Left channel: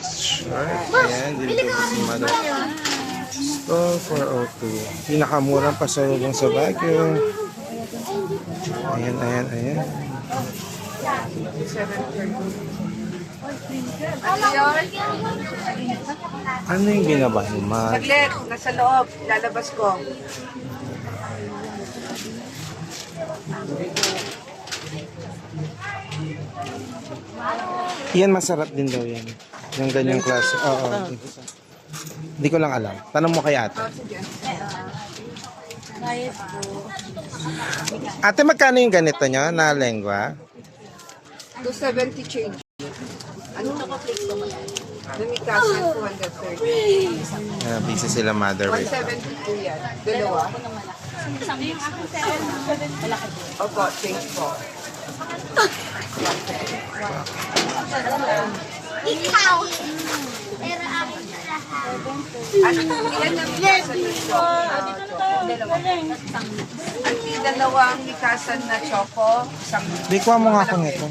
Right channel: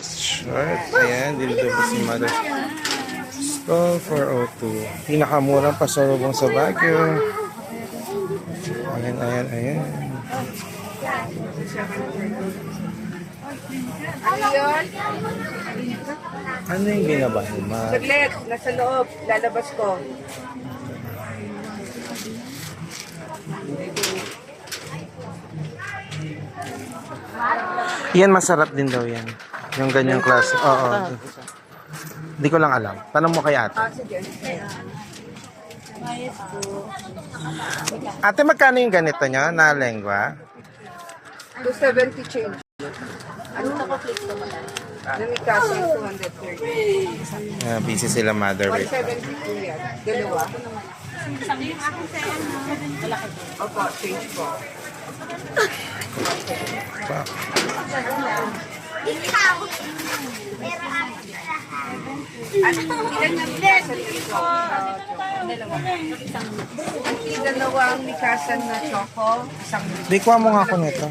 Short. Ayan, dito po si Mother. Stall 402. Pinakamurang pasalubong sa Baguio. Ayan, ayan, ayan. Ano yung binabahin, Ma? Saglit, nasa loob. Lalabas ko. Yan, masarap din daw yan. Yung ganyang klase. Oo. Hindi ko lang alam. Tanong mo kay ate. Sige. Ate, magkano yung ganito nyo na lengua? 270 change. Ano na ko click to? Namikasan 230. Busy sila, Mother. Wait lang. 172 yan. Dalawa. Opo, change po. Ikaw. Pero ako lahat. Ano? Ilan ang mikasan na choco? Ang dalawang mikasan na choco, isang Di, kuha mo nga ako nito.